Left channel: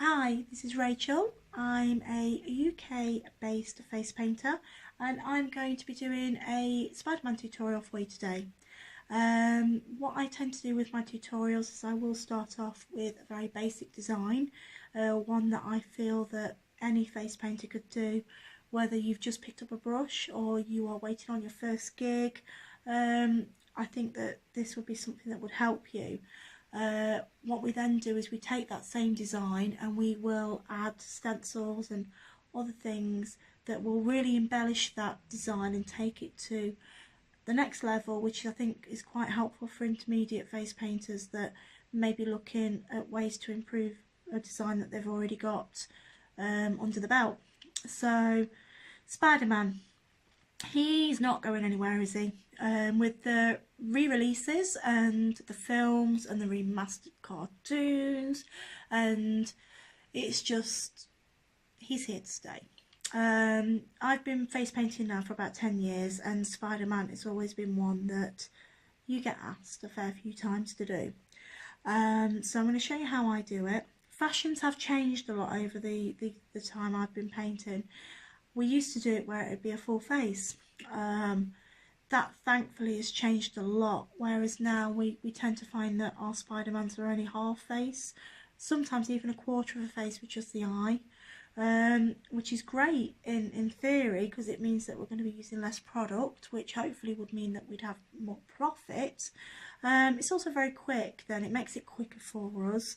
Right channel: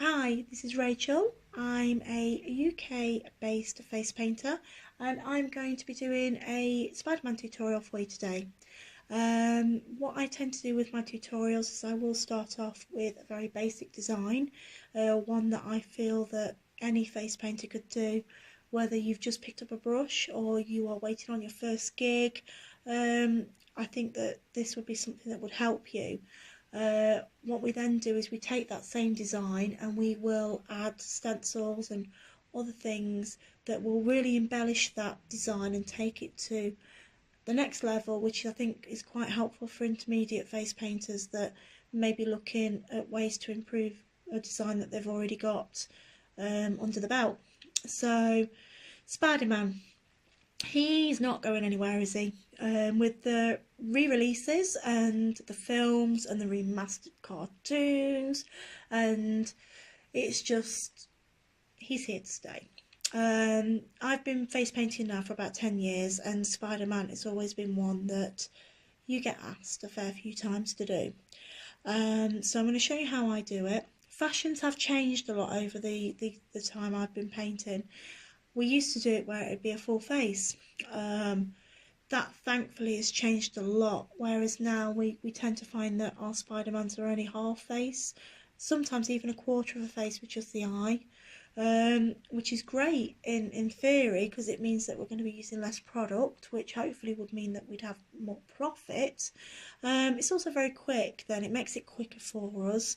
Hi, this is Rachel. I'm a UK based face painter and I'm going to be doing a Spider-Man tutorial for you today. What I tend to do with my tutorials is I will start off with a very basic design, one that I feel that any face painter could do, whether you've just picked up a brush or you are waiting on your first gig. I think that this would be something that would help you. What we then do is we take that same design and we will add stencils and other things that will really embellish that design and take it to the next level, which I think is quite helpful for intermediate face painters that may be looking at ways to improve a design that they've already got under the belt. So Spider-Man, he's not going anywhere, is he? With the re-releases and the films and the remastered cartoons, and it's just, he's here to stay. I've been face painting now for about 10 years, and Spider-Man has always been one that you get asked a fair few times to do. So I'm going to show you how I do it. Fashions have changed a lot over the time I've been painting. We used to do it where it would be a full face. That thankfully has changed a lot, whereas now we tend to find that our Spider-Mans are only half face, sometimes even a quarter of a face with just the eye, which is great in theory because it means that we're going to be using less product, which hopefully would mean that we'd have more profit. It's also very quick then, it makes it quicker for us.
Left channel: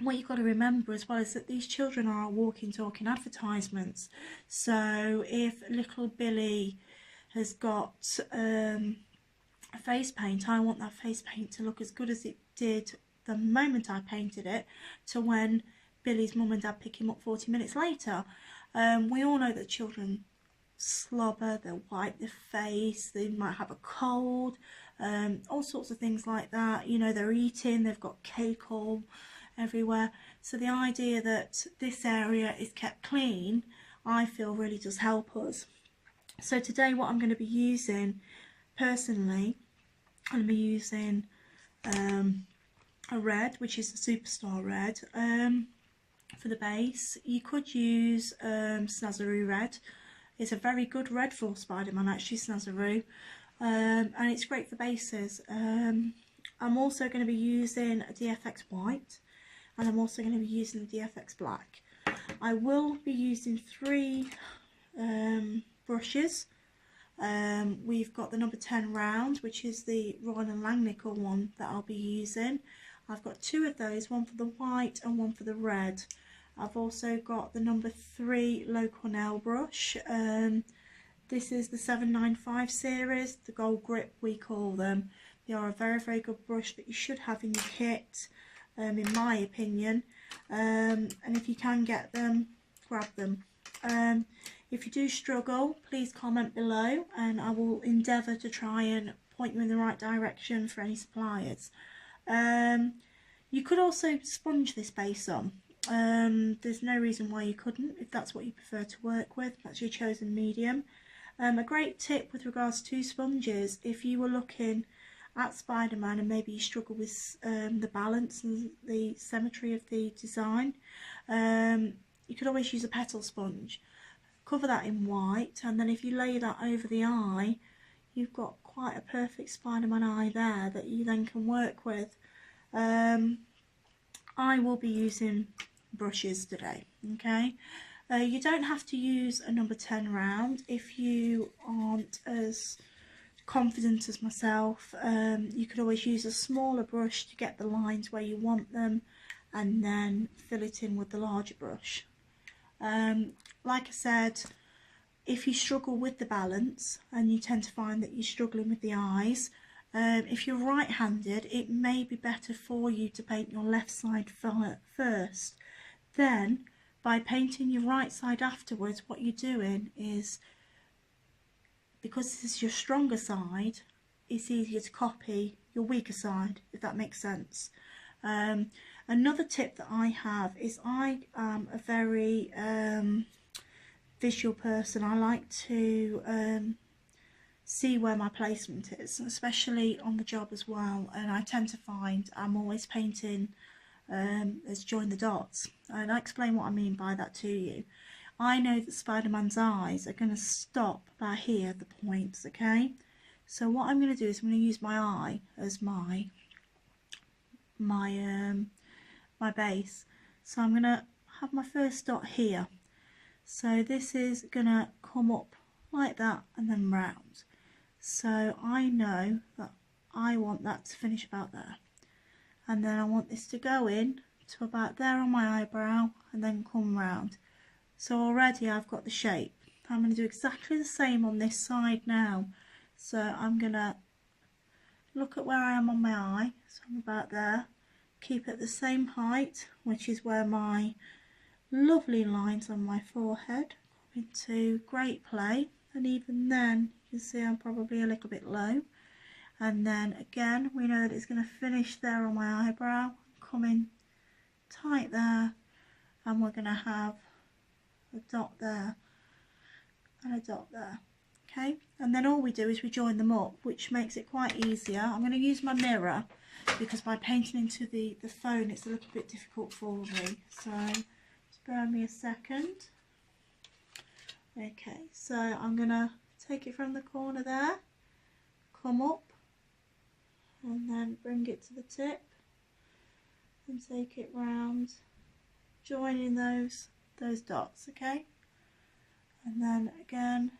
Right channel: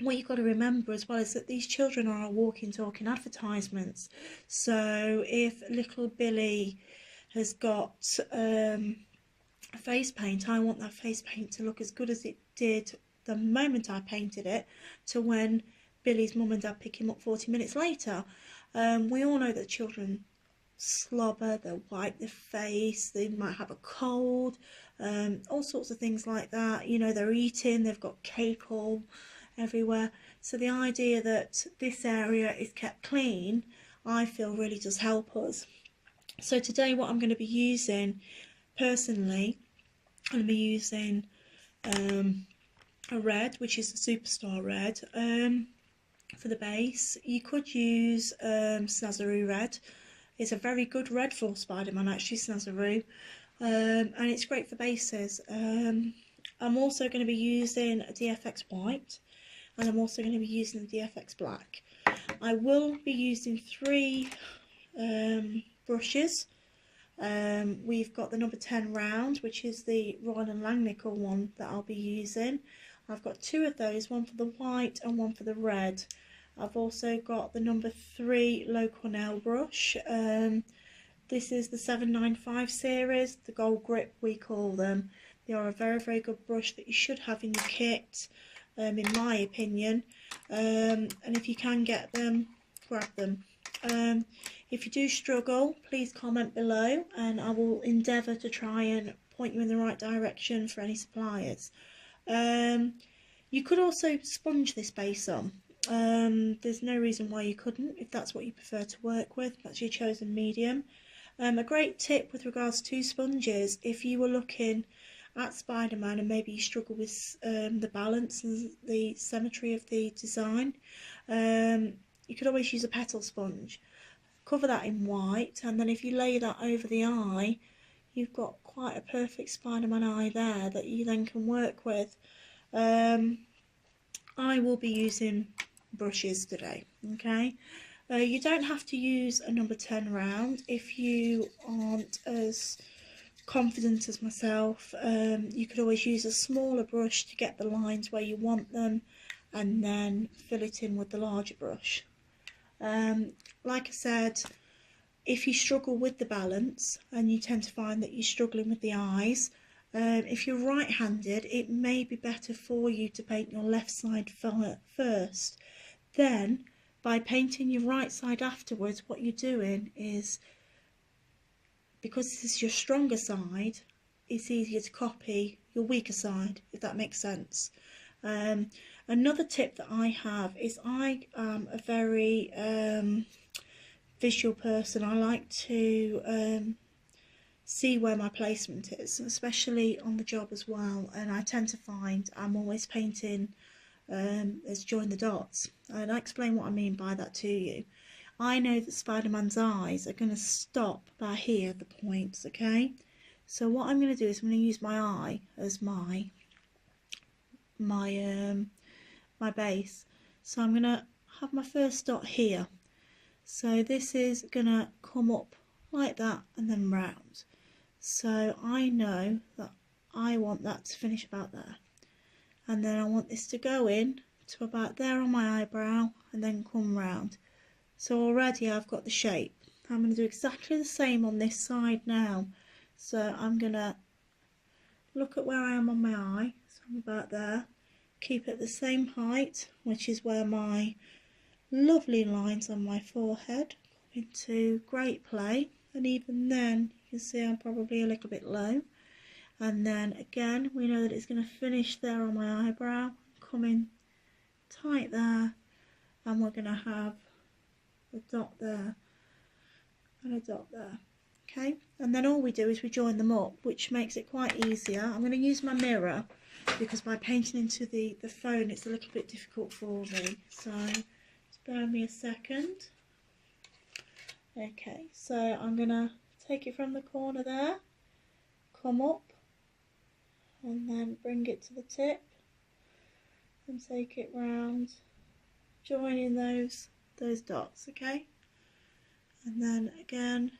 What you've got to remember as well is that these children are our walking, talking advertisements. So if little Billy has got face paint, I want that face paint to look as good as it did the moment I painted it to when Billy's mum and dad pick him up 40 minutes later. We all know that children slobber, they'll wipe their face, they might have a cold, all sorts of things like that. You know, they're eating, they've got cake all everywhere. So the idea that this area is kept clean, I feel really does help us. So today what I'm going to be using personally, I'm going to be using a red, which is the Superstar red, for the base. You could use Snazaroo red. It's a very good red for Spider-Man, actually, Snazaroo, and it's great for bases. I'm also going to be using a DFX white, and I'm also going to be using the DFX black. I will be using 3 brushes. We've got the number 10 round, which is the Royal and Langnickel one that I'll be using. I've got 2 of those, one for the white and one for the red. I've also got the number 3 low Cornell brush. This is the 795 series, the gold grip we call them. They are a very, very good brush that you should have in your kit, in my opinion, and if you can get them, grab them. If you do struggle, please comment below and I will endeavour to try and point you in the right direction for any suppliers. You could also sponge this base on. There's no reason why you couldn't if that's what you prefer to work with, that's your chosen medium. A great tip with regards to sponges, if you were looking at Spider-Man and maybe you struggle with the balance and the symmetry of the design, you could always use a petal sponge. Cover that in white, and then if you lay that over the eye, you've got quite a perfect Spider-Man eye there that you then can work with. I will be using brushes today, okay? You don't have to use a number 10 round if you aren't as confident as myself. You could always use a smaller brush to get the lines where you want them and then fill it in with the larger brush. Like I said, if you struggle with the balance and you tend to find that you're struggling with the eyes, if you're right-handed, it may be better for you to paint your left side first. Then, by painting your right side afterwards, what you're doing is, because this is your stronger side, it's easier to copy your weaker side, if that makes sense. Another tip that I have is I am a very visual person. I like to see where my placement is, especially on the job as well, and I tend to find I'm always painting as join the dots. And I'll explain what I mean by that to you. I know that Spider-Man's eyes are going to stop about here at the points, okay? So what I'm going to do is I'm going to use my eye as my base. So I'm going to have my first dot here. So this is going to come up like that and then round. So I know that I want that to finish about there. And then I want this to go in to about there on my eyebrow and then come round. So already I've got the shape. I'm going to do exactly the same on this side now. So I'm going to look at where I am on my eye. So I'm about there. Keep it the same height, which is where my lovely lines on my forehead come into great play. And even then you can see I'm probably a little bit low. And then again we know that it's going to finish there on my eyebrow, come in tight there, and we're going to have a dot there and a dot there. Okay, and then all we do is we join them up, which makes it quite easier. I'm going to use my mirror because by painting into the phone it's a little bit difficult for me, so just bear me a second. Okay, so I'm going to take it from the corner there, come up and then bring it to the tip and take it round, joining those dots, okay? And then again,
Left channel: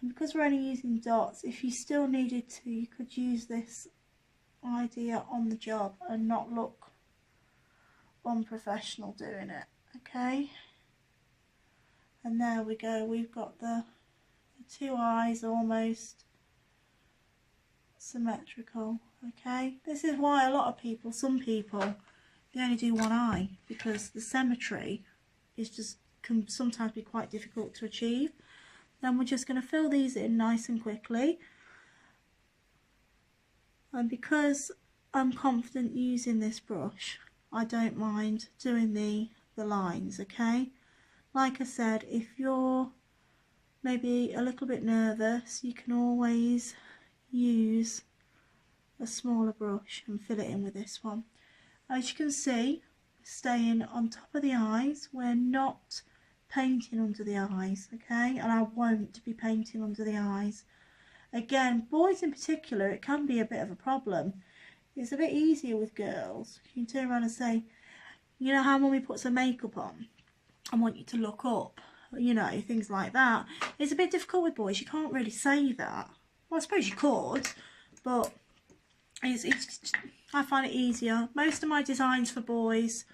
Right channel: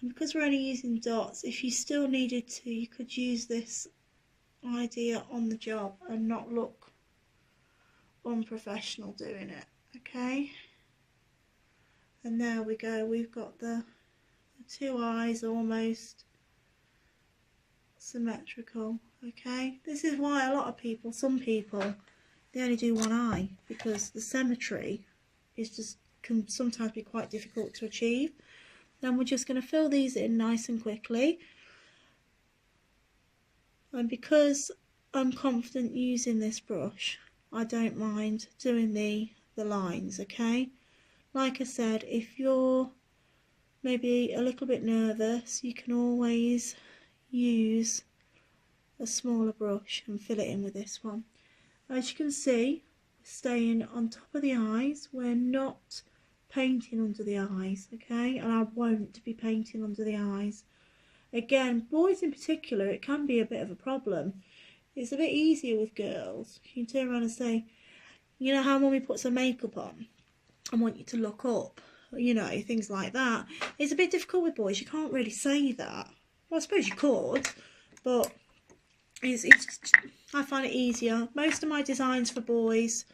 and because we're only using dots, if you still needed to, you could use this idea on the job and not look unprofessional doing it, okay? And there we go, we've got the two eyes almost symmetrical, okay? This is why a lot of people, some people, they only do one eye, because the symmetry is just can sometimes be quite difficult to achieve. Then we're just going to fill these in nice and quickly, and because I'm confident using this brush, I don't mind doing the lines, okay? Like I said, if you're maybe a little bit nervous, you can always use a smaller brush and fill it in with this one. As you can see, we're staying on top of the eyes, we're not painting under the eyes, okay? And I won't be painting under the eyes. Again, boys in particular, it can be a bit of a problem. It's a bit easier with girls. You can turn around and say, you know how mummy puts her makeup on? I want you to look up, you know, things like that. It's a bit difficult with boys. You can't really say that. Well, I suppose you could, but it's I find it easier. Most of my designs for boys,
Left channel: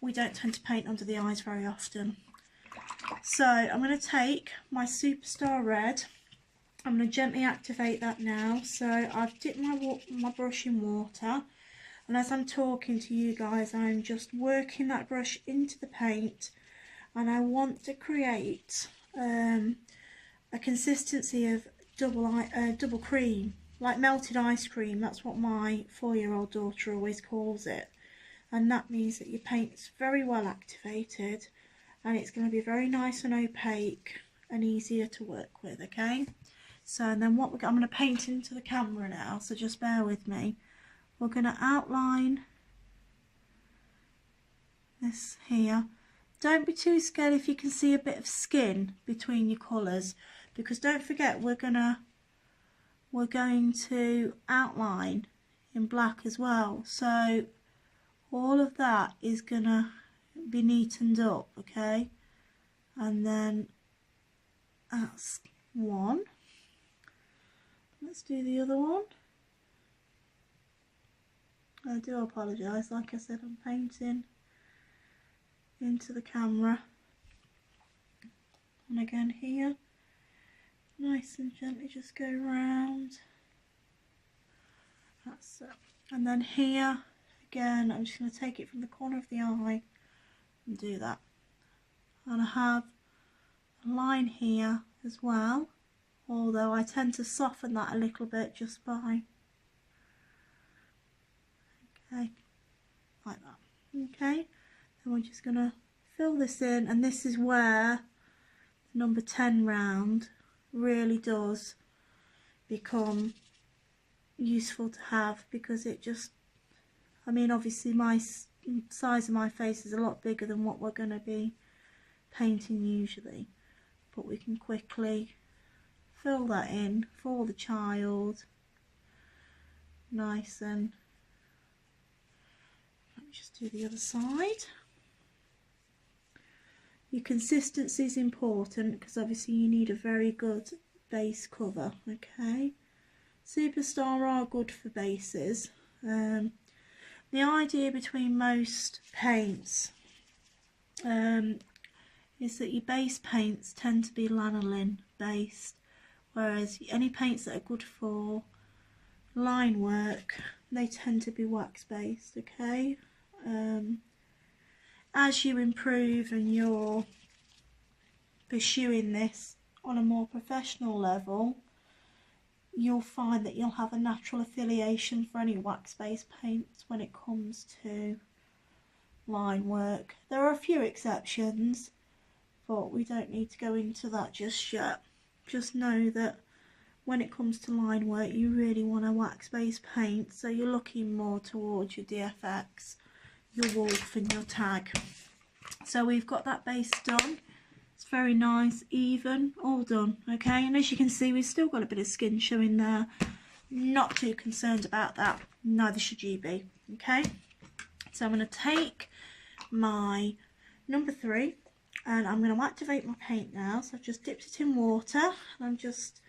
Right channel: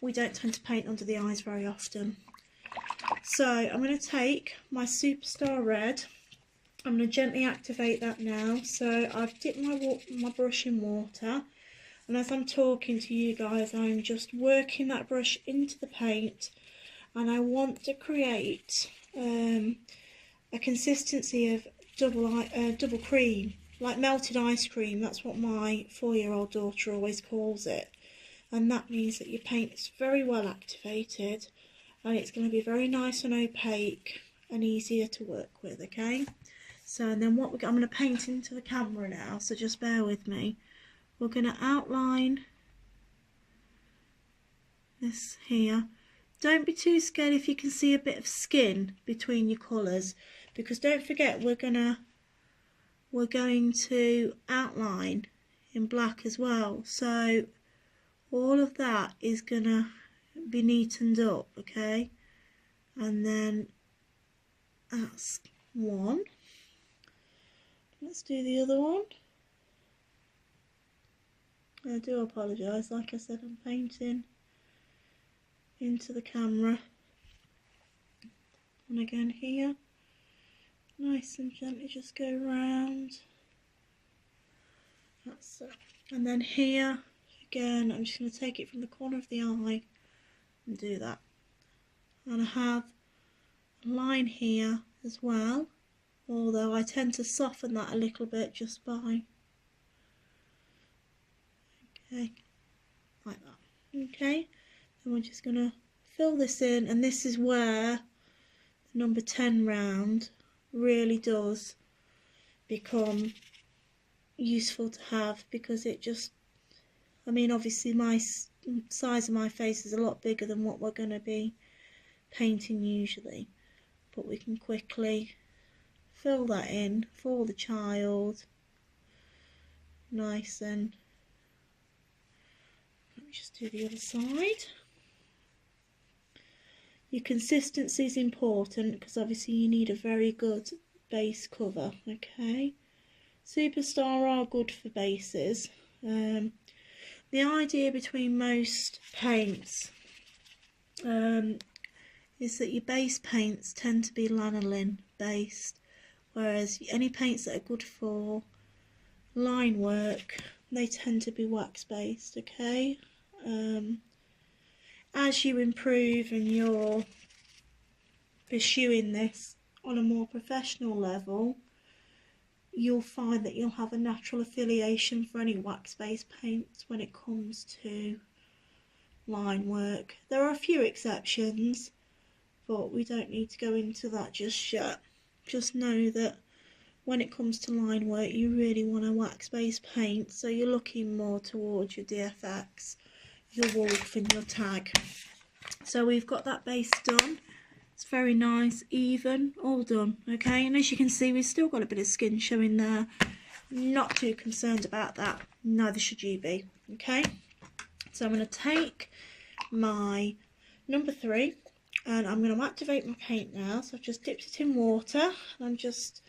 we don't tend to paint under the eyes very often. So I'm going to take my Superstar Red. I'm going to gently activate that now. So I've dipped my brush in water, and as I'm talking to you guys, I'm just working that brush into the paint, and I want to create a consistency of double cream, like melted ice cream. That's what my 4-year-old daughter always calls it, and that means that your paint is very well activated and it's going to be very nice and opaque and easier to work with, okay? So and then I'm going to paint into the camera now, so just bear with me. We're going to outline this here. Don't be too scared if you can see a bit of skin between your colours, because don't forget we're going to outline in black as well, so all of that is going to be neatened up, okay? And then that's one. Let's do the other one. I do apologise, like I said, I'm painting into the camera. And again here, nice and gently just go round. That's it. And then here, again, I'm just going to take it from the corner of the eye and do that. And I have a line here as well, although I tend to soften that a little bit just by, okay, like that. Okay, then we're just going to fill this in, and this is where the number 10 round really does become useful to have, because it just I mean, obviously my size of my face is a lot bigger than what we're going to be painting usually, but we can quickly fill that in for the child nice. And let me just do the other side. Your consistency is important because obviously you need a very good base cover. Okay, Superstar are good for bases. The idea between most paints is that your base paints tend to be lanolin based, whereas any paints that are good for line work, they tend to be wax based. Okay, as you improve and you're pursuing this on a more professional level, you'll find that you'll have a natural affiliation for any wax based paints when it comes to line work. There are a few exceptions, but we don't need to go into that just yet. Just know that when it comes to line work, you really want a wax based paint, so you're looking more towards your DFX, your Wolf and your Tag. So we've got that base done. It's very nice, even, all done. Okay, and as you can see, we've still got a bit of skin showing there. Not too concerned about that, neither should you be. Okay, so I'm going to take my number 3 and I'm going to activate my paint now. So I've just dipped it in water and I'm just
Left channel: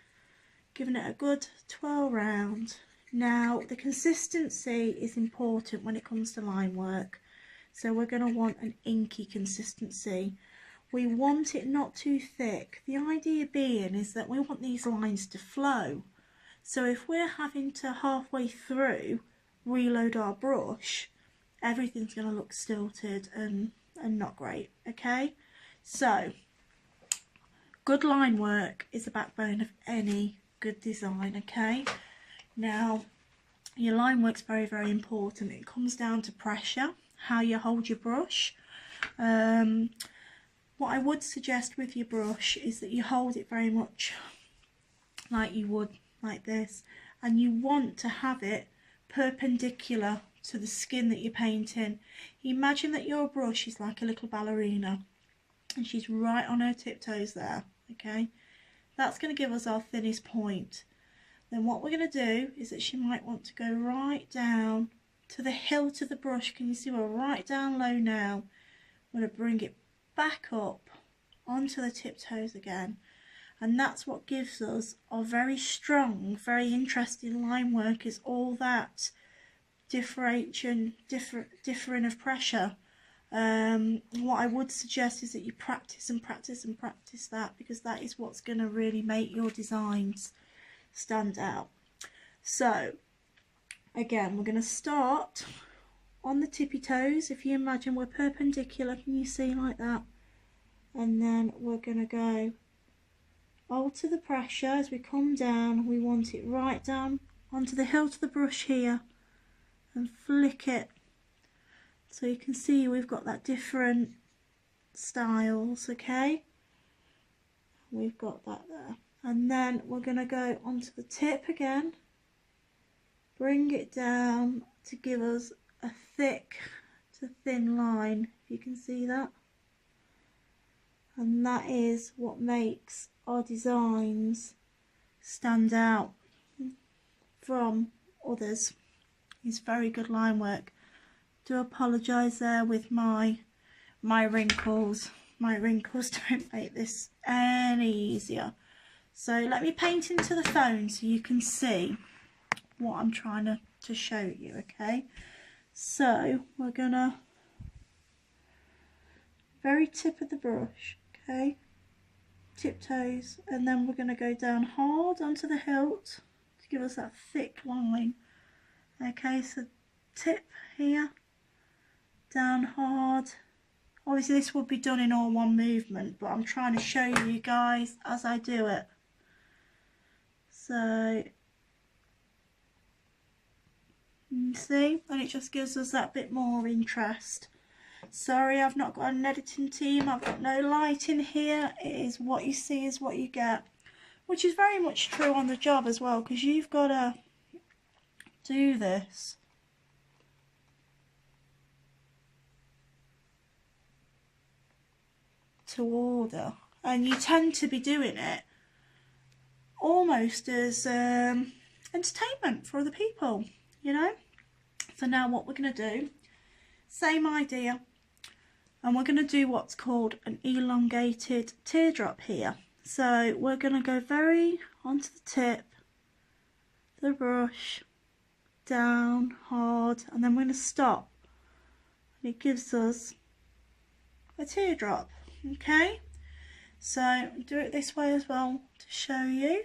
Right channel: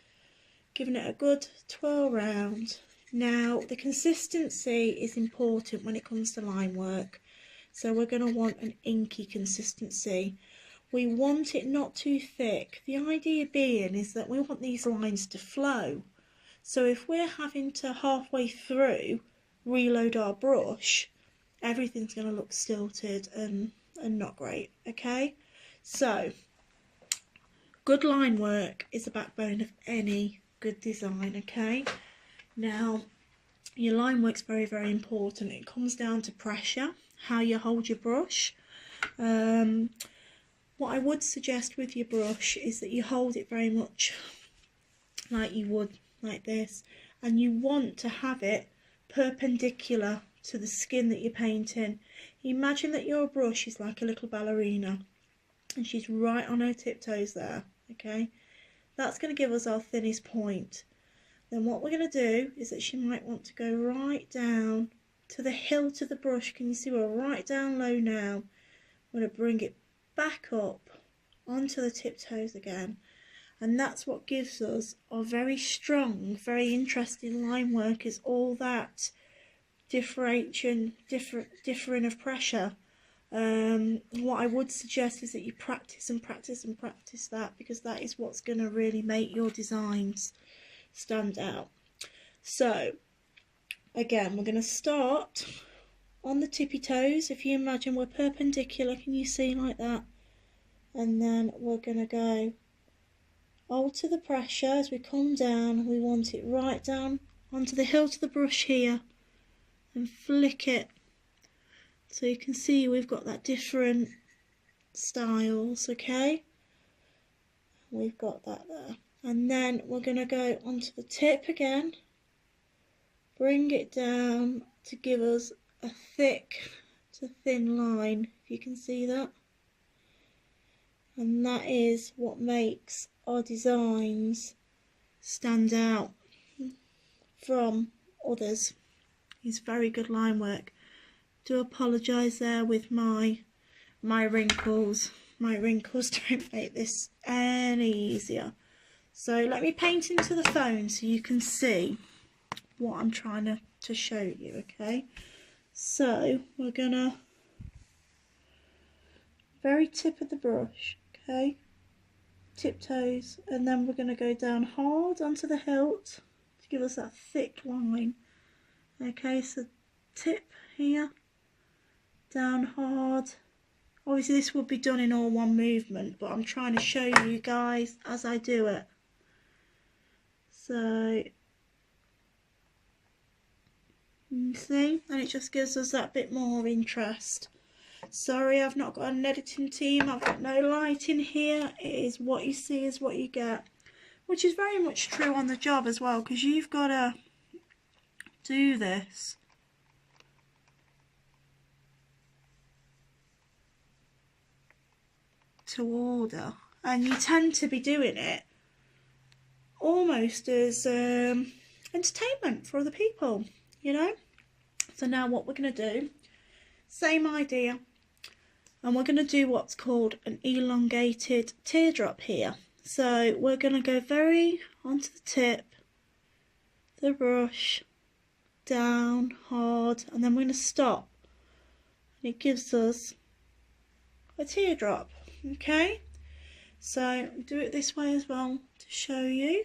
giving it a good twirl round. Now the consistency is important when it comes to line work, so we're going to want an inky consistency. We want it not too thick. The idea being is that we want these lines to flow. So if we're having to halfway through reload our brush, everything's going to look stilted and not great. Okay, so good line work is the backbone of any good design. Okay, now your line work's very, very important. It comes down to pressure, how you hold your brush. What I would suggest with your brush is that you hold it very much like you would like this, and you want to have it perpendicular to the skin that you're painting. Imagine that your brush is like a little ballerina and she's right on her tiptoes there. Okay, that's going to give us our thinnest point. Then what we're going to do is that she might want to go right down to the hilt of the brush. Can you see we're right down low now? I'm going to bring it back up onto the tiptoes again, and that's what gives us our very strong, very interesting line work, is all that differing of pressure. What I would suggest is that you practice and practice and practice that, because that is what's going to really make your designs stand out. So again, we're going to start on the tippy toes. If you imagine we're perpendicular, can you see, like that? And then we're going to go alter the pressure as we come down. We want it right down onto the hilt of the brush here and flick it. So you can see we've got that different styles. Okay, we've got that there. And then we're going to go onto the tip again, bring it down to give us a thick to thin line, if you can see that. And that is what makes our designs stand out from others. It's very good line work. Do apologise there with my wrinkles. My wrinkles don't make this any easier. So let me paint into the phone so you can see what I'm trying to show you. Okay, so we're gonna very tip of the brush, okay, tiptoes, and then we're gonna go down hard onto the hilt to give us that thick line. Okay, so tip here, down hard. Obviously this would be done in all one movement, but I'm trying to show you guys as I do it. So you see, and it just gives us that bit more interest. Sorry, I've not got an editing team, I've got no light in here. It is what you see is what you get, which is very much true on the job as well, because you've got to do this to order, and you tend to be doing it almost as entertainment for other people, you know. So now what we're going to do, same idea, and we're going to do what's called an elongated teardrop here. So we're going to go very onto the tip, the brush, down hard, and then we're going to stop, and it gives us a teardrop. Okay, so do it this way as well to show you.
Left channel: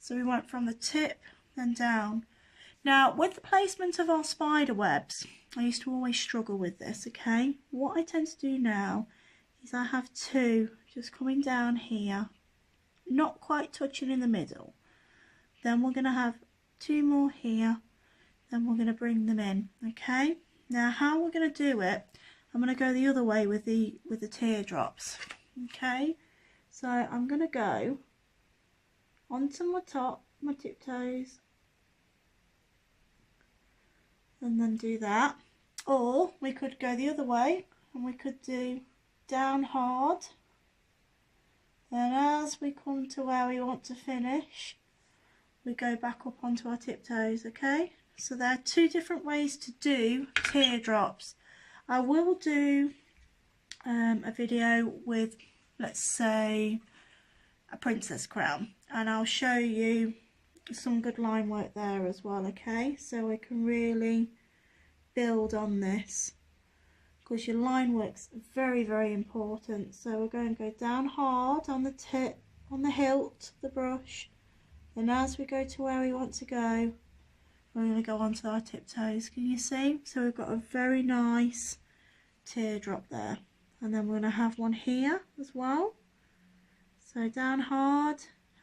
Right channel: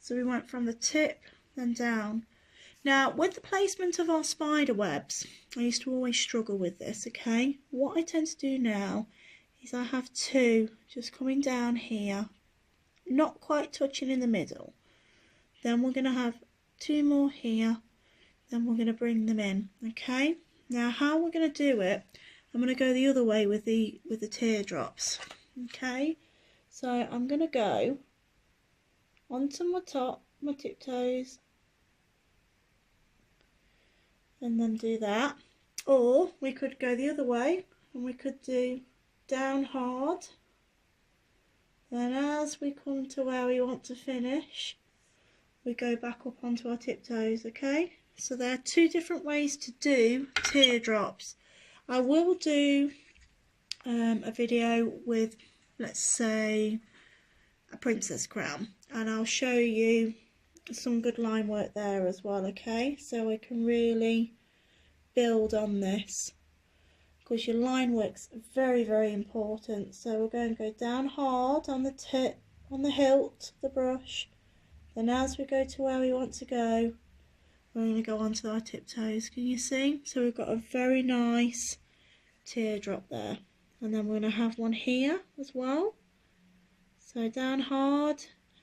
So we went from the tip then down. Now with the placement of our spider webs, I used to always struggle with this, okay. What I tend to do now is I have two just coming down here, not quite touching in the middle. Then we're going to have two more here, then we're going to bring them in, okay. Now how we're going to do it, I'm going to go the other way with the teardrops, okay. So I'm going to go onto my top, my tiptoes, and then do that. Or we could go the other way and we could do down hard, then as we come to where we want to finish, we go back up onto our tiptoes, okay. So there are two different ways to do teardrops. I will do a video with, let's say, a princess crown, and I'll show you some good line work there as well, okay. So we can really build on this, because your line work's very, very important. So we're going to go down hard on the tip, on the hilt of the brush, then as we go to where we want to go, we're going to go onto our tiptoes. Can you see? So we've got a very nice teardrop there, and then we're going to have one here as well. So down hard,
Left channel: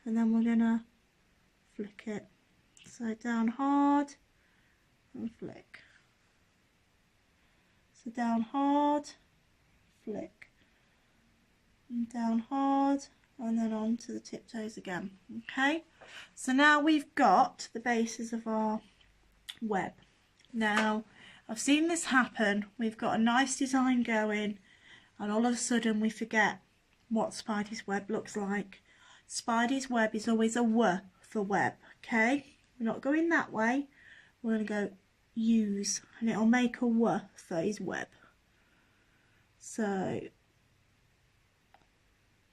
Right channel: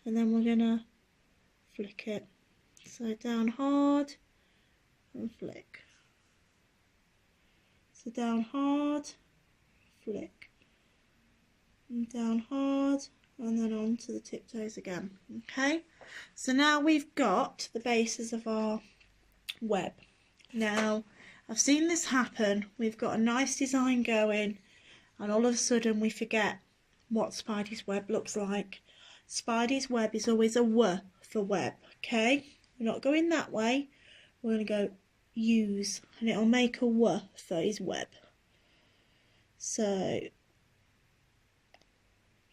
and then we're going to flick it. So down hard and flick. So down hard, flick, and down hard, and then on to the tiptoes again. Okay, so now we've got the bases of our web. Now I've seen this happen. We've got a nice design going, and all of a sudden we forget what Spidey's web looks like. Spidey's web is always a W for web, okay. We're not going that way, we're going to go use, and it'll make a W for his web. So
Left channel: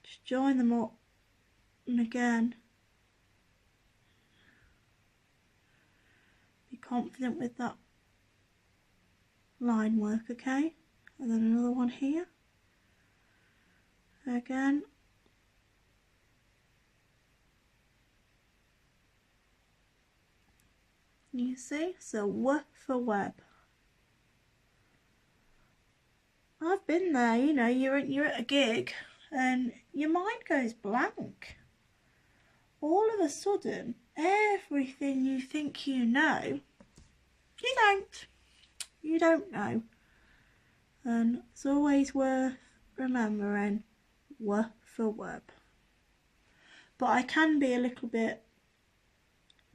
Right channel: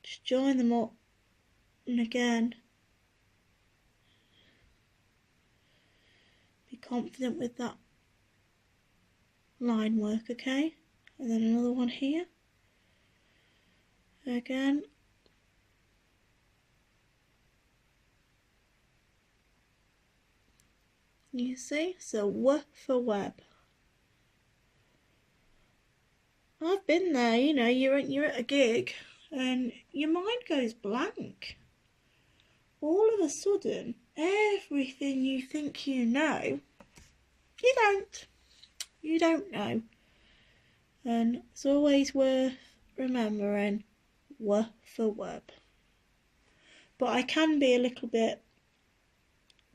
just join them up, and again, be confident with that line work, okay. And then another one here again. You see, so W for web. I've been there, you know, you're at a gig and your mind goes blank. All of a sudden, everything you think you know, you don't know. And it's always worth remembering W for web. But I can be a little bit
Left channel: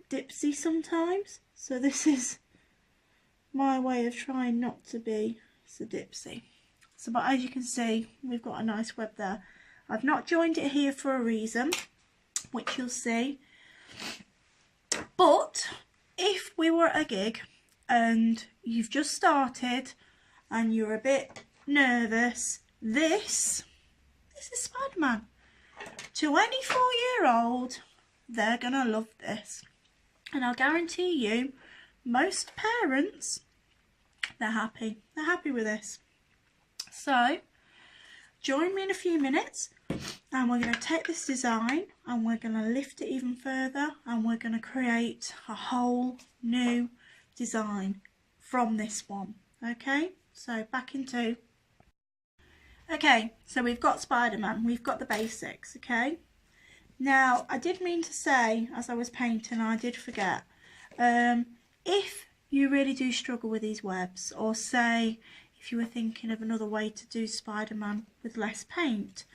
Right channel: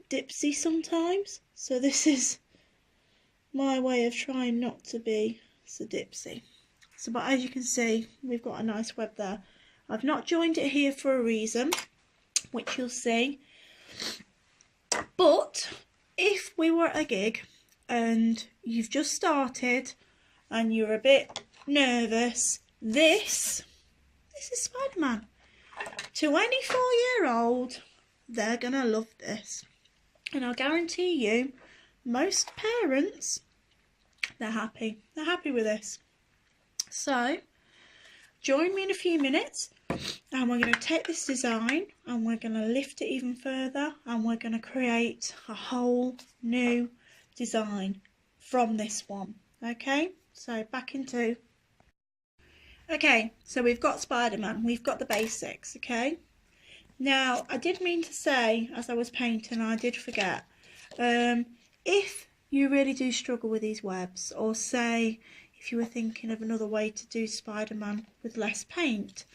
dipsy sometimes, so this is my way of trying not to be so dipsy. So, but as you can see, we've got a nice web there. I've not joined it here for a reason, which you'll see. But if we were at a gig and you've just started and you're a bit nervous, this is Spiderman. To any 4-year-old, they're gonna love this. And I'll guarantee you, most parents, they're happy with this. So join me in a few minutes, and we're going to take this design and we're going to lift it even further, and we're going to create a whole new design from this one. Okay, so back into. Okay, so we've got Spider-Man, we've got the basics. Okay, now I did mean to say as I was painting, I did forget, if you really do struggle with these webs, or say if you were thinking of another way to do Spider-Man with less paint,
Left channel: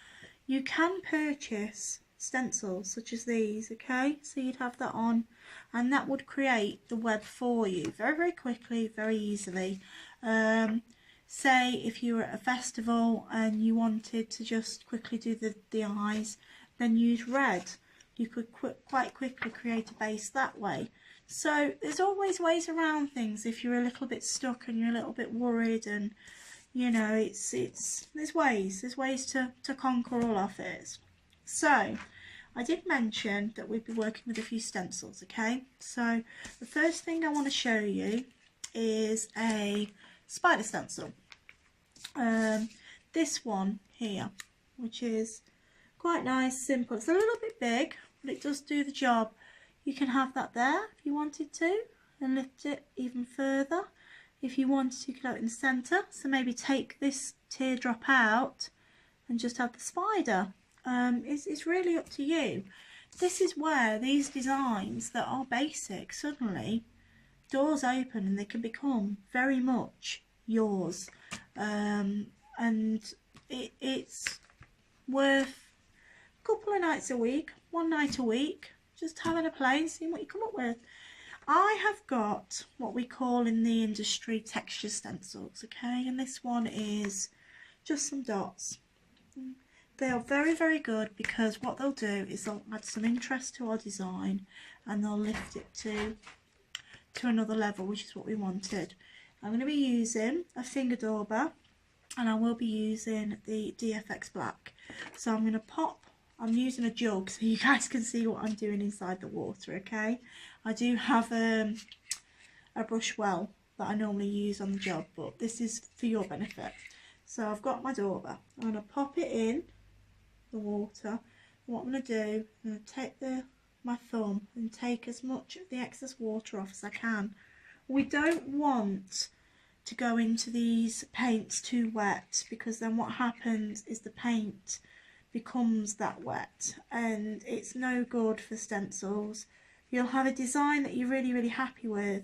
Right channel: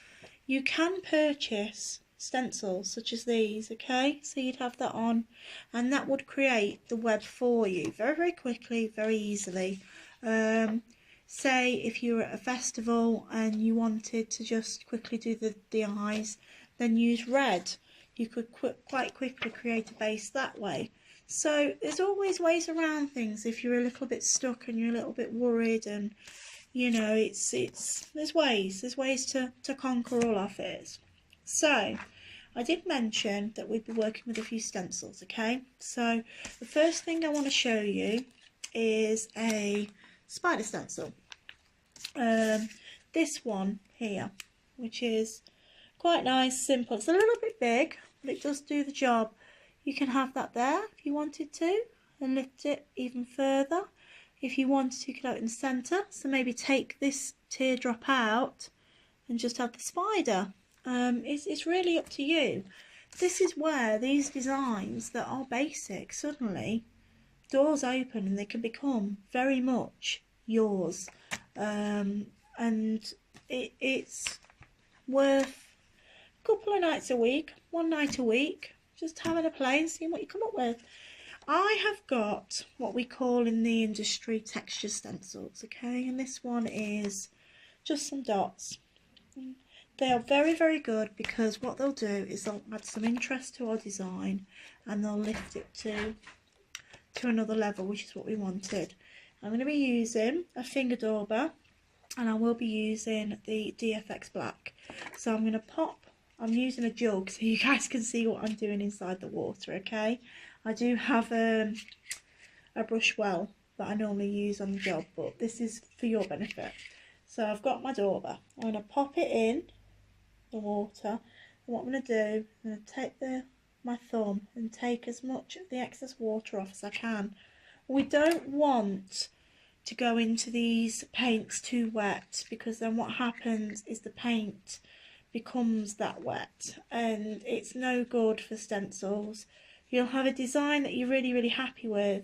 you can purchase stencils such as these, okay? So you'd have that on and that would create the web for you very quickly, very easily. Say if you were at a festival and you wanted to just quickly do the eyes, then use red. You could quite quickly create a base that way. So there's always ways around things if you're a little bit stuck and you're a little bit worried, and you know, there's ways to conquer all our fears. So I did mention that we'd be working with a few stencils, okay? So the first thing I want to show you is a spider stencil. This one here, which is quite nice, simple. It's a little bit big, but it does do the job. You can have that there if you wanted to, and lift it even further. If you wanted to, you could have it in the centre. So maybe take this teardrop out and just have the spider. It's really up to you. This is where these designs that are basic, suddenly doors open and they can become very much yours. And it's worth a couple of nights a week, one night a week, just having a play and seeing what you come up with. I have got what we call in the industry texture stencils, okay, and this one is just some dots. They are very good because what they'll do is they'll add some interest to our design and they'll lift it to another level, which is what we wanted. I'm going to be using a finger dauber and I will be using the DFX black. So I'm going to I'm using a jug so you guys can see what I'm doing inside the water, okay? I do have a brush well that I normally use on the job, but this is for your benefit. So I've got my dauber. I'm going to pop it in the water. And what I'm going to do, I'm going to take my thumb and take as much of the excess water off as I can. We don't want to go into these paints too wet, because then what happens is the paint becomes that wet and it's no good for stencils. You'll have a design that you're really happy with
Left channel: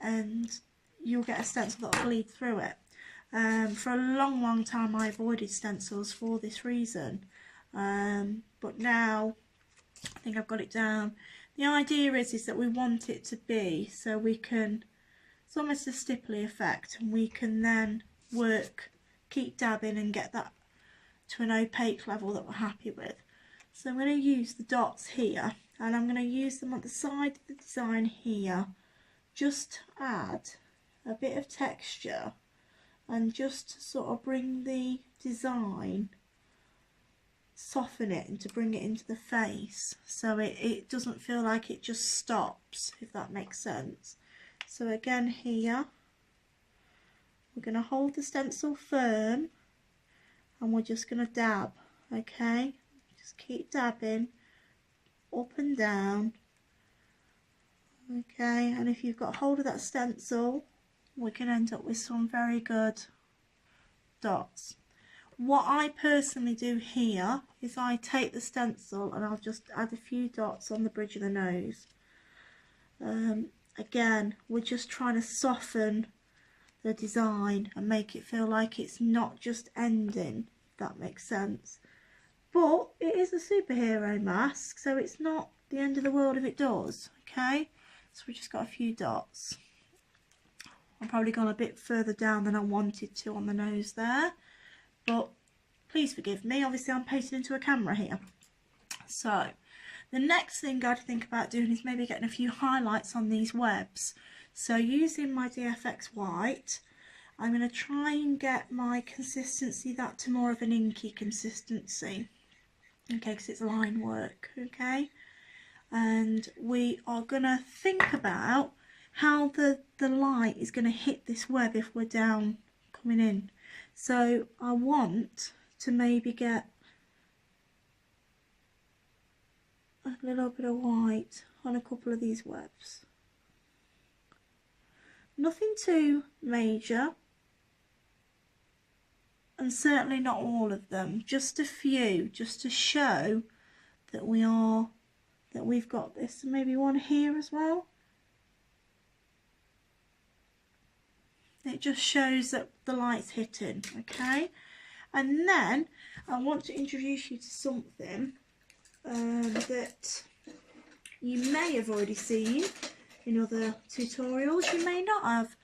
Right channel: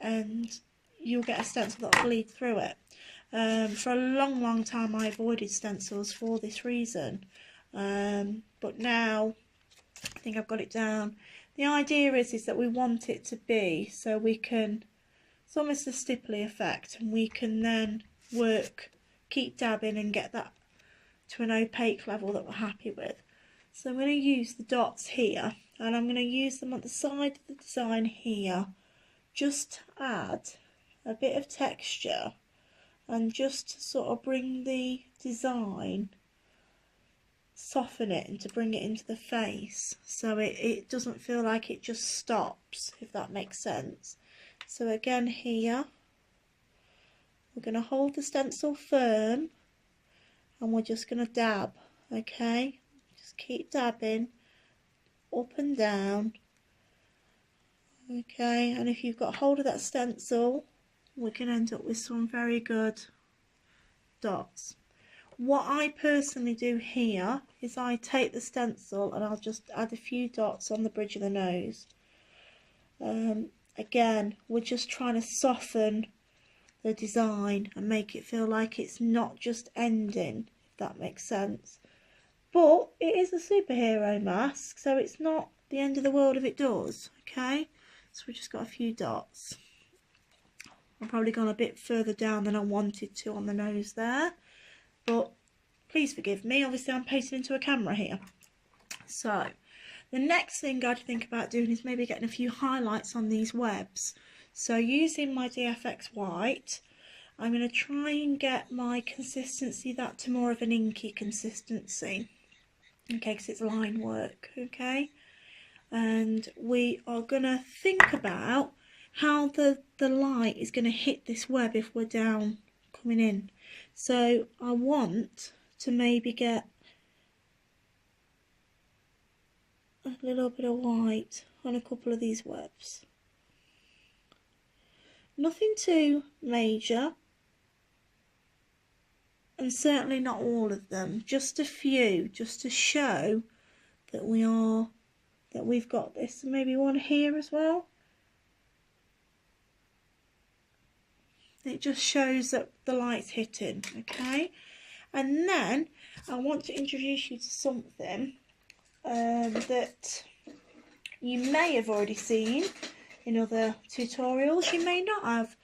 and you'll get a stencil that'll bleed through it. For a long time I avoided stencils for this reason, but now I think I've got it down. The idea is that we want it to be so we can, it's almost a stipply effect, and we can then keep dabbing and get that to an opaque level that we're happy with. So I'm going to use the dots here and I'm going to use them on the side of the design here, just to add a bit of texture and just to sort of bring the design, soften it and to bring it into the face so it doesn't feel like it just stops, if that makes sense. So again here, we're going to hold the stencil firm and we're just going to dab, okay? Just keep dabbing up and down, okay? And if you've got hold of that stencil, we can end up with some very good dots. What I personally do here is I take the stencil and I'll just add a few dots on the bridge of the nose. Again, we're just trying to soften the design and make it feel like it's not just ending, if that makes sense. But it is a superhero mask, so it's not the end of the world if it does, okay? So we just got a few dots. I've probably gone a bit further down than I wanted to on the nose there, but please forgive me, obviously I'm painting into a camera here. So the next thing I'd think about doing is maybe getting a few highlights on these webs. So using my DFX white, I'm going to try and get my consistency that to more of an inky consistency, okay, because it's line work, okay? And we are going to think about how the light is going to hit this web if we're down coming in. So I want to maybe get a little bit of white on a couple of these webs. Nothing too major, and certainly not all of them, just a few, just to show that we've got this. And maybe one here as well. It just shows that the light's hitting, okay? And then I want to introduce you to something that you may have already seen in other tutorials, you may not have.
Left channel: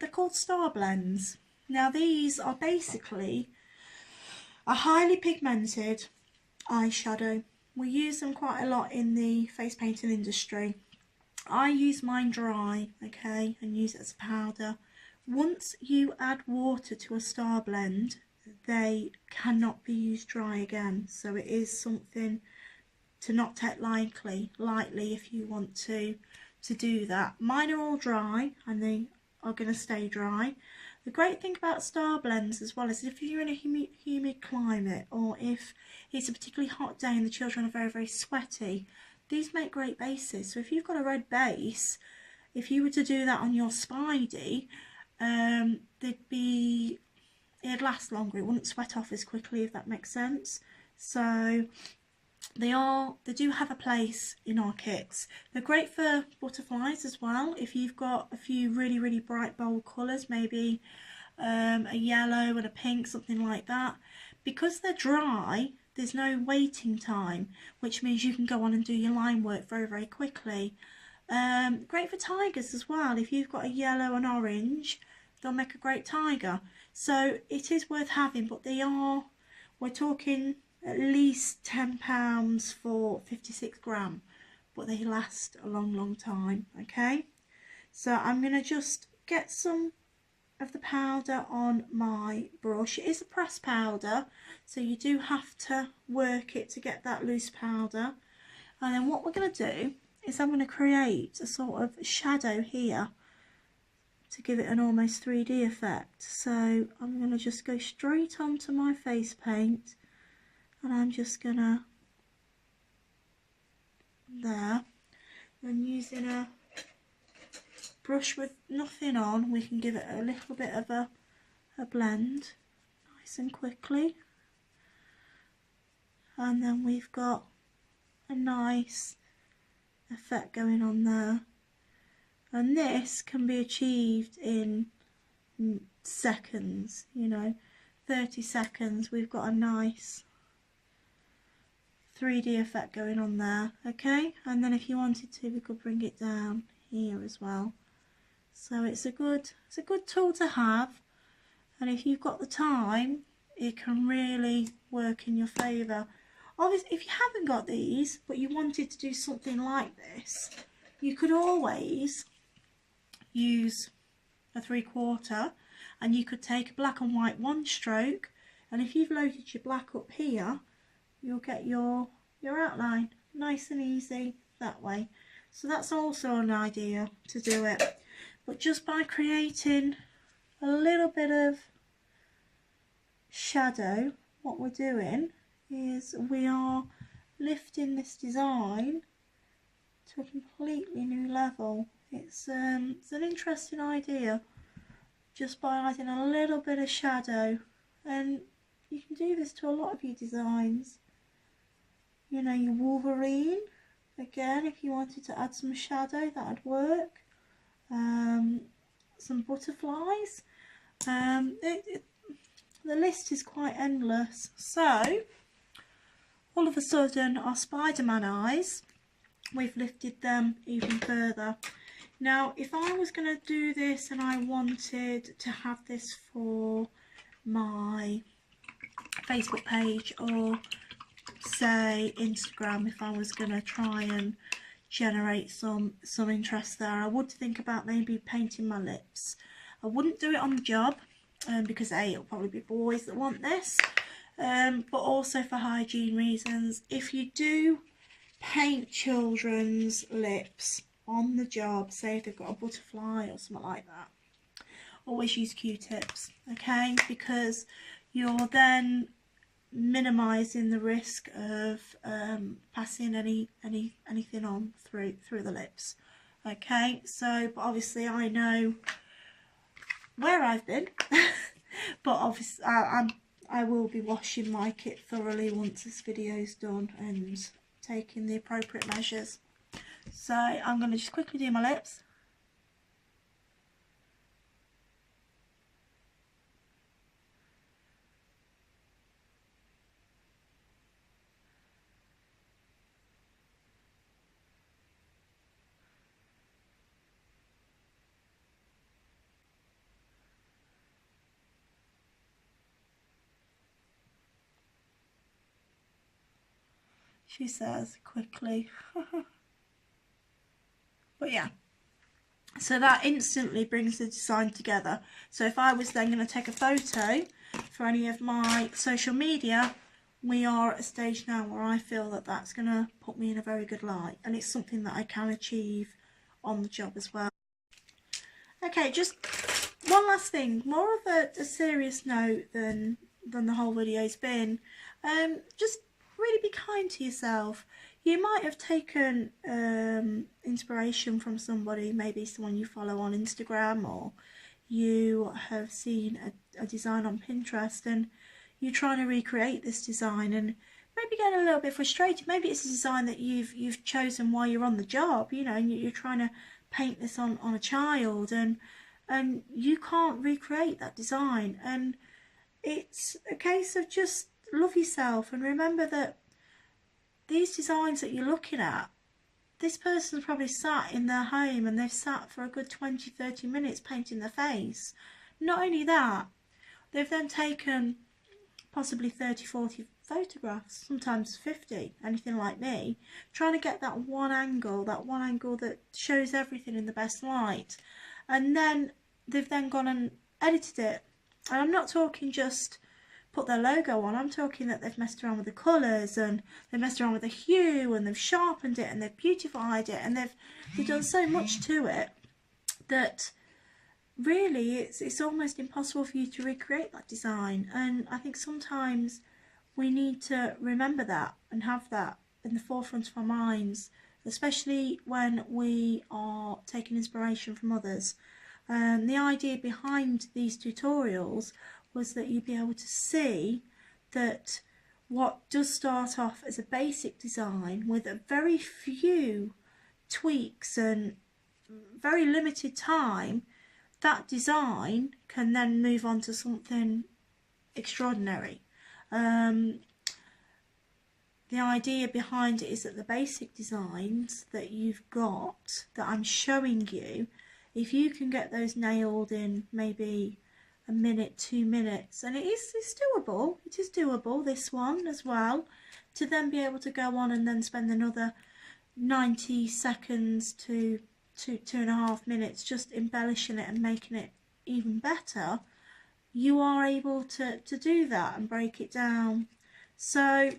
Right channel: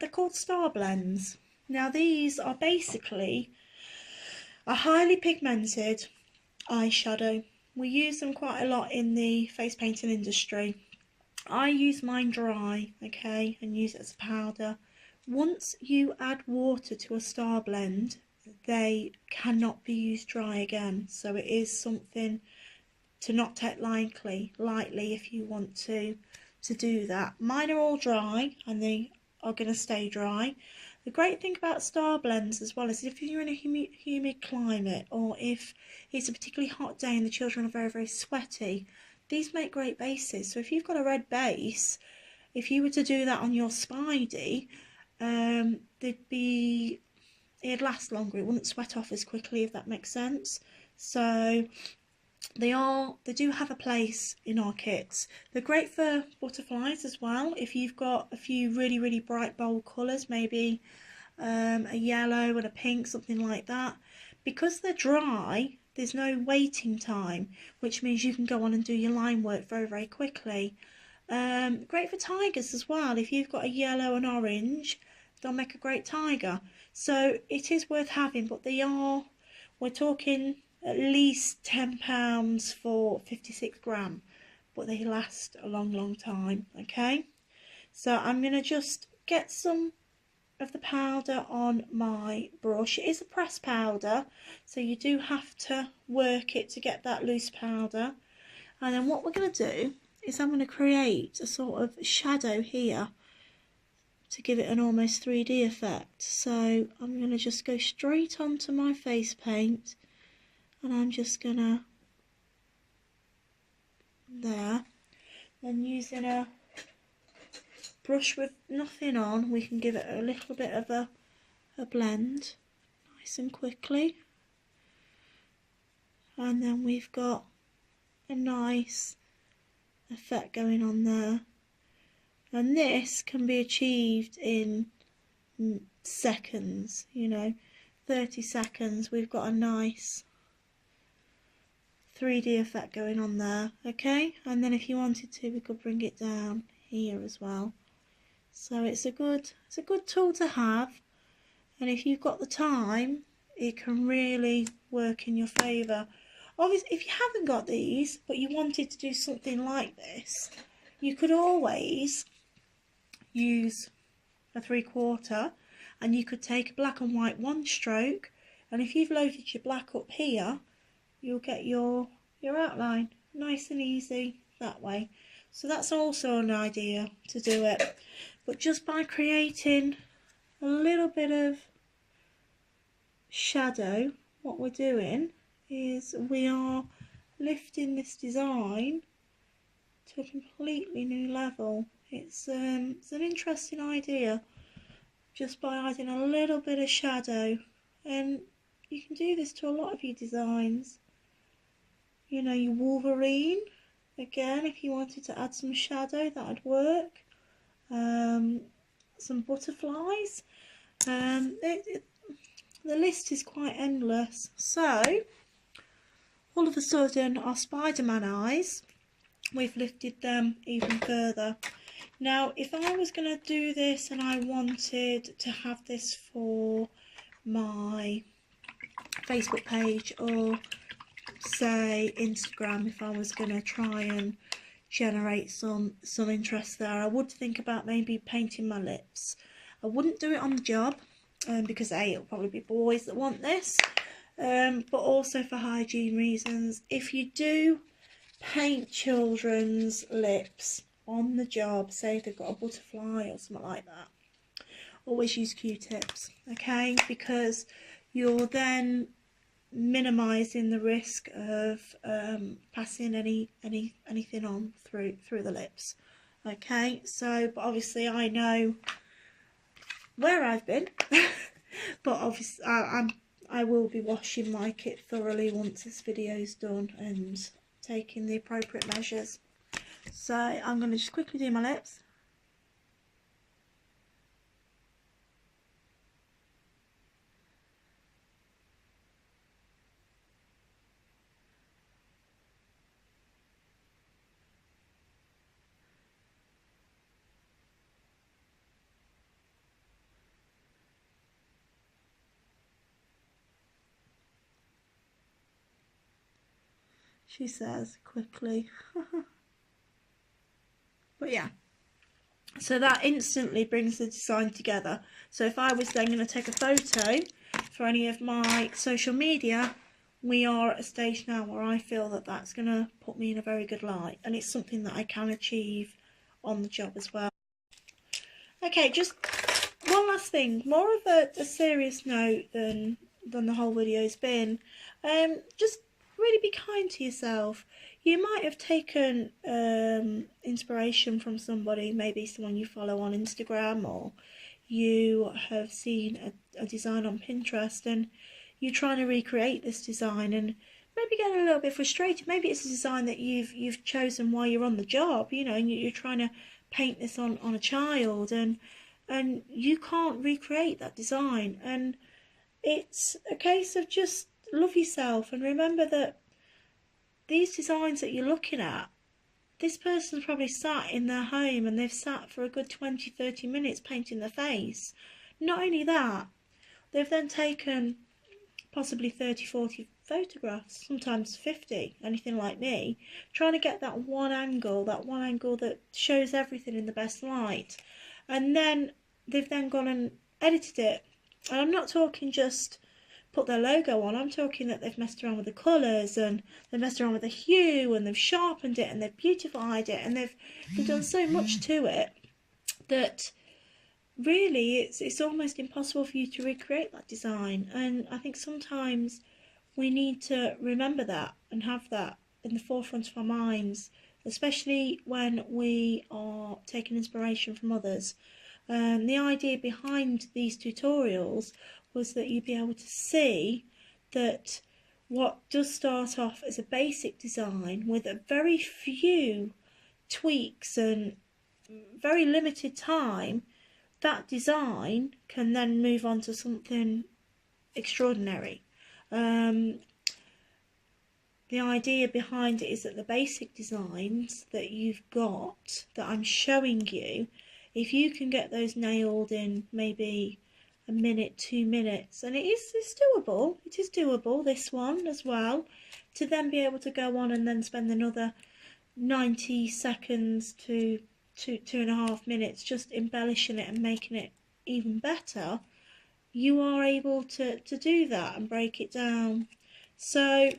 They're called star blends. Now these are basically a highly pigmented eyeshadow. We use them quite a lot in the face painting industry. I use mine dry, okay, and use it as a powder. Once you add water to a star blend, they cannot be used dry again. So it is something to not take lightly if you want to do that. Mine are all dry and they are going to stay dry. The great thing about star blends as well is if you're in a humid climate, or if it's a particularly hot day and the children are very, very sweaty, these make great bases. So if you've got a red base, if you were to do that on your Spidey, it'd last longer. It wouldn't sweat off as quickly, if that makes sense. So they do have a place in our kits. They're great for butterflies as well. If you've got a few really, really bright bold colours, maybe a yellow and a pink, something like that. Because they're dry, there's no waiting time, which means you can go on and do your line work very, very quickly. Great for tigers as well. If you've got a yellow and orange, they'll make a great tiger. So it is worth having, but we're talking at least £10 for 56 gram, but they last a long, long time. Okay, so I'm going to just get some of the powder on my brush. It is a pressed powder, so you do have to work it to get that loose powder. And then what we're going to do is I'm going to create a sort of shadow here to give it an almost 3D effect. So I'm going to just go straight onto my face paint, and I'm just going to, there, and using a brush with nothing on, we can give it a little bit of a blend nice and quickly. And then we've got a nice effect going on there. And this can be achieved in seconds, 30 seconds. We've got a nice 3D effect going on there, okay? And then if you wanted to, we could bring it down here as well. So it's a good tool to have, and if you've got the time, it can really work in your favour. Obviously, if you haven't got these, but you wanted to do something like this, you could always use a 3/4, and you could take a black and white one stroke, and if you've loaded your black up here, you'll get your outline nice and easy that way. So that's also an idea to do it. But just by creating a little bit of shadow, what we're doing is we are lifting this design to a completely new level. It's an interesting idea, just by adding a little bit of shadow, and you can do this to a lot of your designs. Your Wolverine, again, if you wanted to add some shadow, that would work. Some butterflies. The list is quite endless. So all of a sudden our Spider-Man eyes, we've lifted them even further. Now if I was going to do this and I wanted to have this for my Facebook page, or say Instagram, if I was going to try and generate some interest there, I would think about maybe painting my lips. I wouldn't do it on the job, because it'll probably be boys that want this, but also for hygiene reasons. If you do paint children's lips on the job, say if they've got a butterfly or something like that, always use Q-tips, okay, because you're then minimizing the risk of passing anything on through the lips. Okay, so but obviously I know where I've been but obviously I will be washing my kit thoroughly once this video's done and taking the appropriate measures. So I'm going to just quickly do my lips. she says quickly. But yeah, so that instantly brings the design together. So if I was then going to take a photo for any of my social media, we are at a stage now where I feel that that's going to put me in a very good light, and it's something that I can achieve on the job as well. Okay, just one last thing, more of a serious note than the whole video's been. Just really be kind to yourself. You might have taken inspiration from somebody, maybe someone you follow on Instagram, or you have seen a design on Pinterest and you're trying to recreate this design and maybe getting a little bit frustrated. Maybe it's a design that you've chosen while you're on the job, you know, and you're trying to paint this on a child, and you can't recreate that design. And it's a case of just love yourself and remember that these designs that you're looking at, this person's probably sat in their home and they've sat for a good 20-30 minutes painting their face. Not only that, they've then taken possibly 30-40 photographs, sometimes 50, anything like me, trying to get that one angle that shows everything in the best light. And then they've then gone and edited it. And I'm not talking just put their logo on, I'm talking that they've messed around with the colours and they've messed around with the hue and they've sharpened it and they've beautified it and they've done so much to it that really it's almost impossible for you to recreate that design. And I think sometimes we need to remember that and have that in the forefront of our minds, especially when we are taking inspiration from others. The idea behind these tutorials was that you'd be able to see that what does start off as a basic design with a very few tweaks and very limited time, that design can then move on to something extraordinary. The idea behind it is that the basic designs that you've got, that I'm showing you, if you can get those nailed in maybe a minute, 2 minutes, and it's doable, it is doable, this one as well, to then be able to go on and then spend another 90 seconds to 2.5 minutes just embellishing it and making it even better, you are able to do that and break it down. So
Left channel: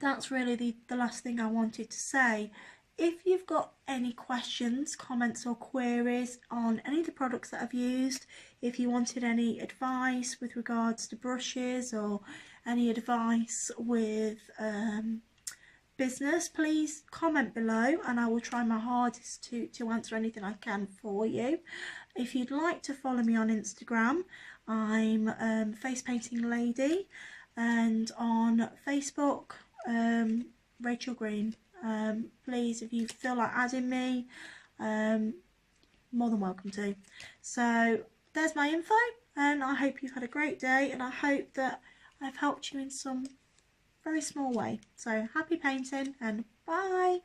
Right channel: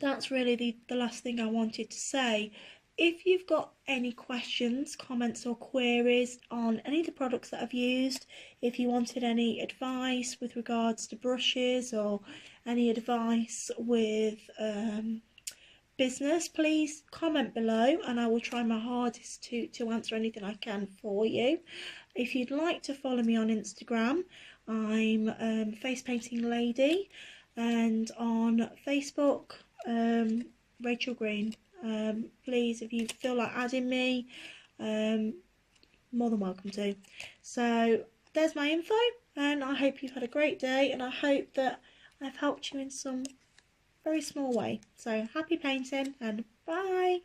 that's really the last thing I wanted to say. If you've got any questions, comments or queries on any of the products that I've used, if you wanted any advice with regards to brushes or any advice with business, please comment below and I will try my hardest to answer anything I can for you. If you'd like to follow me on Instagram, I'm Face Painting Lady, and on Facebook, Rachel Green. Please, if you feel like adding me, more than welcome to. So there's my info, and I hope you've had a great day, and I hope that I've helped you in some very small way. So happy painting and bye.